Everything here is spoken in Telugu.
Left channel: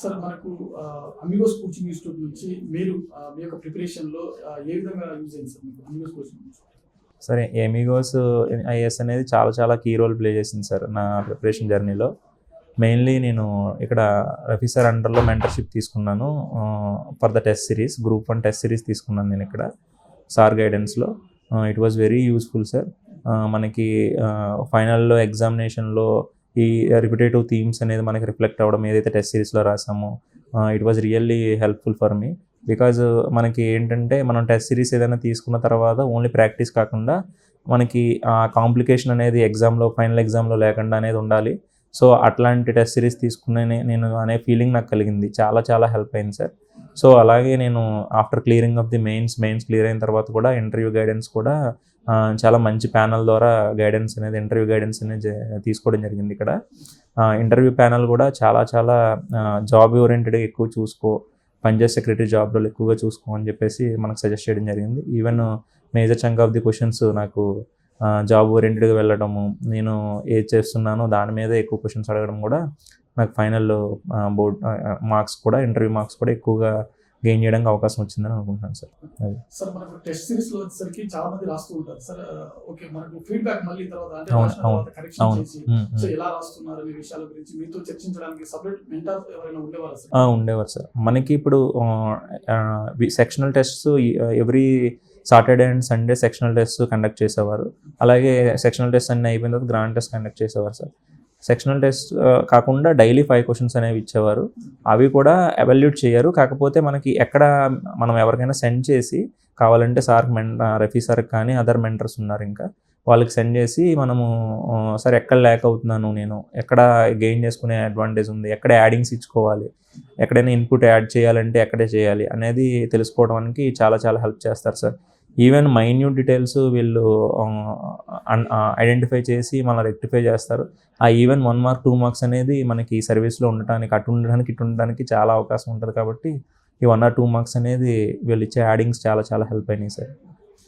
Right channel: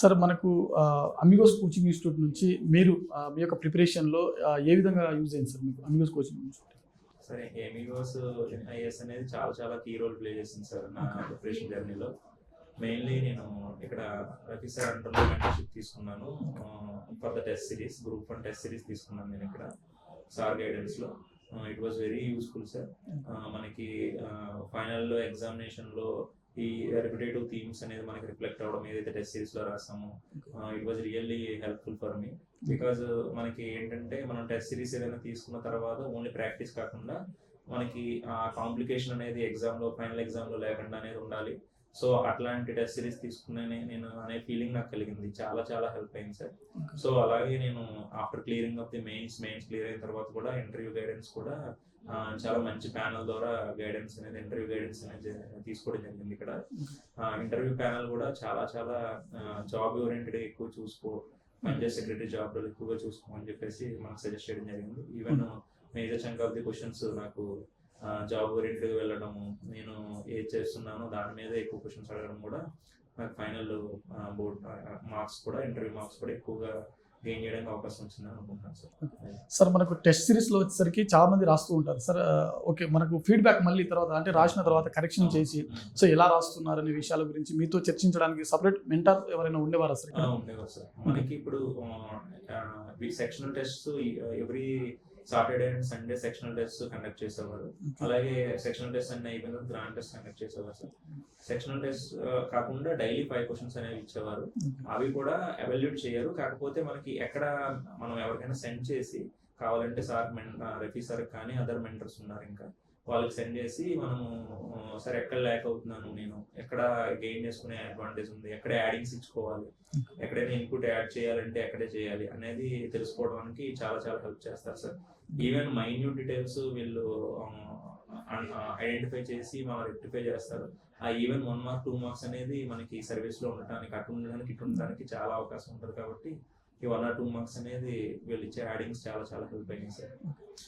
సార్ మనకు అమిగోస్ కోచింగ్ ఇన్‌స్టిట్యూట్ నుంచి మీరు మీ యొక్క ప్రిపరేషన్‌లో ఏ విధంగా యూజ్ అయింది సార్ మీకు అమిగోస్ కోచింగ్ ఇన్‌స్టిట్యూట్? సరే, ఎమిగోస్ ఐఏఎస్ అనేది చాలా చాలా కీ రోల్ ప్లే చేసింది సార్ నా ప్రిపరేషన్ జర్నీలో. మెయిన్లీ నేను ఇక్కడ రఫీ సార్ అండర్లో మెంటర్షిప్ తీసుకున్నాను. For the test series, group 1 test series తీసుకున్నాను నేను ఇక్కడ సార్ గైడెన్స్లో. It was very useful sir. మనకి ఫైనల్లో ఎగ్జామినేషన్లో ఈ రిపిటేటివ్ థీమ్స్ అనేది మనకి రిఫ్లెక్ట్ అవ్వడం, ఏదైతే టెస్ట్ సిరీస్లో రాసామో it was really helpful for me. Because మనకి ఏంటంటే మనం టెస్ట్ సిరీస్ ఏదైనా తీసుకున్న తర్వాత ఓన్లీ ప్రాక్టీస్ కాకుండా మనకి ఆ కాంప్లికేషన్ అనేది ఫైనల్ ఎగ్జామ్లో లేకుండా అనేది ఉండాలి. సో అట్లాంటి టెస్ట్ సిరీస్ తీసుకునే నేను అనే ఫీలింగ్ నాకు కలిగింది. చాలా చాలా హెల్ప్ అయింది సార్. సో అలాగే నేను after clearing of the mains clear అయిన తర్వాత కూడా ఇంటర్వ్యూ గైడెన్స్ కూడా చాలా మంచి ప్యానల్ ద్వారా ఇంటర్వ్యూ గైడెన్స్ అనేది తీసుకోవడం జరిగింది ఇక్కడ. ఇంటర్వ్యూ ప్యానల్ కూడా చాలా చాలా జాబ్ ఓరియంటెడ్గా ఎక్కువ చూసుకో, పంచాయత్ సెక్రటరీ జాబ్ రోల్ ఎక్కువగా చూసుకో అని చెప్పేసి మనకు సజెస్ట్ చేయడం జరిగింది. Even major chunk of the questions నాకు జాబ్ ఓరియంటెడ్గా వెళ్ళడము, నేను ఏది చేస్తున్నానో దాని మీద ఎక్కువ క్వశ్చన్స్ అడగడం కూడా నాకు ఫైనల్ బోర్డ్ మార్క్స్ కూడా, ఇంటర్వ్యూ మార్క్స్ కూడా ఎక్కువగా గెయిన్ చేయడానికి అవకాశం వచ్చిందని అనుకుంటున్నాను సార్. సార్ మనకు టెస్ట్ సిరీస్లో వచ్చేసరికి చాలా మంది రాస్తూ ఉంటారు సార్. ఓకే, మనకు ఫీడ్బ్యాక్ మళ్ళీ తర్వాత అంటే రాసిన తర్వాత కరెక్షన్ చేసి సో ఎలా రాస్తున్నారు అనే విషయాల గురించి మీతో చర్చించడానికి సపరేట్ మెంటర్ ఎవరైనా ఉండేవారు సార్? ఉండేవారు సార్. మనకి ఇప్పుడు sectional tests every Saturday and Sunday sectional test conduct చేసేవారు. అలాగే సెక్షనల్ టెస్ట్ అన్నీ అయిపోయిన తర్వాత గ్రాండ్ టెస్ట్ కండక్ట్ చేసేవారు సార్. సెక్షనల్ టెస్ట్ కాకుండా డైలీ 5 క్వశ్చన్స్ అనేవి ఇచ్చేవారు. అవి కూడా ఎవాల్యూట్ చేయరు. కాకపోతే మనకి మనం ఎవరికైనా సెండ్ చేసి కావాలంటే రఫీ సార్కి కానీ అదర్ మెంటర్స్ ఉన్నారు ఇంకా వాళ్ళకి సెండ్ చేసి మనము సార్ ఎక్కడ ల్యాక్ అవుతున్నాను, నేను ఎక్కడ గెయిన్ చేసుకునే అడ్వాంటేజ్ ఉంది, ఎక్కడ యాడింగ్స్ ఇచ్చుకోవాలి, ఎక్కడైనా ఇన్పుట్ యాడ్ చేయాలంటే ఎక్కడే చేయాలి అనేది తెలుసుకోవడానికి చాలా చాలా హెల్ప్ చేస్తారు సార్. ఈవెన్ మైన్యూట్ డీటెయిల్స్ వీళ్ళు ఐడెంటిఫై చేసి మనం రెక్టిఫై చేస్తారు. ఈవెన్ 1 మార్క్ 2 మార్క్స్ అనేది మనకి సర్వీస్లో ఉండటానికి ఇటు ఉండడానికి చాలా అవకాశం ఉంటుంది. కాబట్టి ఈ 1 or 2 మార్క్స్ అనేది వీళ్ళు ఇచ్చే యాడింగ్స్ చాలా చాలా హెల్ప్ అయినాయి సార్.